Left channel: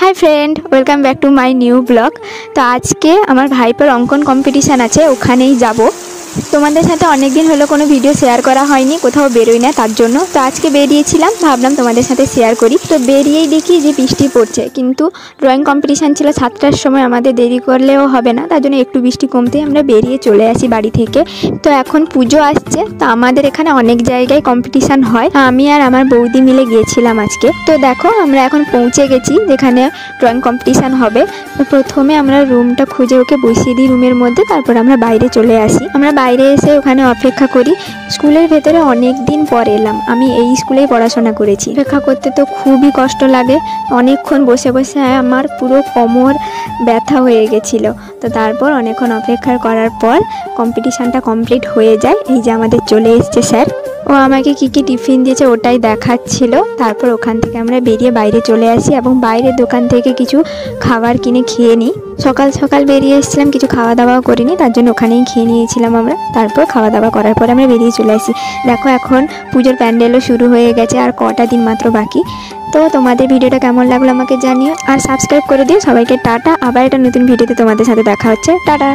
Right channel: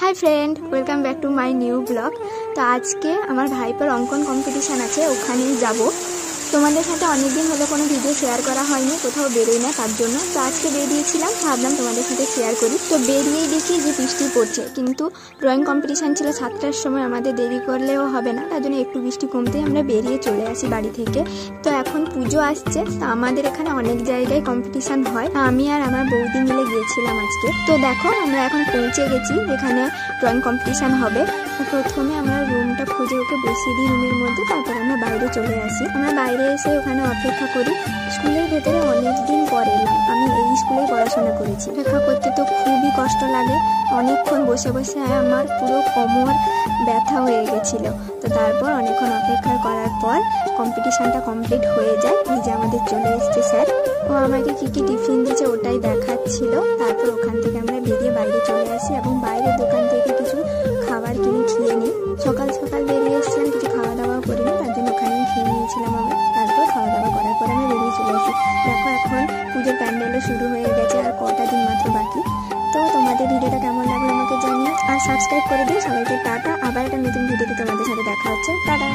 High friend welcome back to my new blog. तो आज के आमार भाईपोर अंकन कम्पिटिशन आछे ओखानेई जाबो। তোমাদের সাথে অনেক দিন হলো কোনো ভিডিও শেয়ার করা হয়নি, কোথাও বেরোই না তার জন্য। তো আজকে বেরিয়েছিলাম, ভাবলাম তোমাদের সাথে শেয়ার করি। তো বেরিয়েই দেখি যে বৃষ্টি পড়ছে, কিন্তু ড্রয়িং কম্পিটিশান ছিল 7টার সময়, আমাদের দেরি করলেও হবে না, তার জন্য একটু বৃষ্টি কমতেই আমরা বেরিয়ে চলে আসি বাড়ি থেকে। তো এখন পুজো আসছে, তো আমাদের এখানে অনেক জায়গায় কম্পিটিশান হয়, আমি আর আমার বৌদি মিলে গিয়েছিলাম আজকে। তো দেখো আমরা এখন পৌঁছে গেছি যেখানে ড্রয়িং কম্পিটিশান হবে। তো প্রথমে আমরা রুমটা খুঁজে ওকে বসিয়ে দিই রুমের মধ্যে, তারপর আমরা বাইরে চলে আসি। আমরা বাইরে এসে ওখানে অপেক্ষা করি। স্কুলের ভেতরে অনেক দিন পর এলাম, আমি এই স্কুলেই পড়াশোনা করেছি। অপেক্ষা করতে তো খুবই কষ্ট লাগে, অনেকক্ষণ বসে বসে আমার পুরো কোমর ব্যথা হয়ে গেছিল। তো তারপর অনেকক্ষণ অপেক্ষা করার পর কম্পিটিশানটা কমপ্লিট হয়ে যায়। এই যে আমাদের চলে এসছে স্যার, ও আমাকে কি কি টিফিন দিয়েছে ওটাই দেখাচ্ছিল। তারপর ওখান থেকে আমরা বেরিয়ে বাইরে চলে আসি এবং বাইরের দোকান থেকে কিছু খাবার কিনে খেয়ে নিই। সকাল সকাল বেরিয়ে এসেছিলাম, কিছু খাওয়া দাওয়াও করিনি, তার জন্য ওখানেই খেয়ে নিয়েছিলাম আমরা। তারপর খাওয়া দাওয়া করার পর আমরা বেরিয়ে চলে আসি। দেখো এখন পুজোর প্যান্ডেলও শুরু হয়ে গেছে, আর কটা দিন মাত্র বাকি। তো তোমাদের ভিডিওটা কেমন লাগলো আমাকে জানিও, আর সাবস্ক্রাইব করে দিও। সবাইকে টাটা, আবার একটা নতুন ভিডিওতে তোমাদের সাথে দেখা হচ্ছে। টাটা।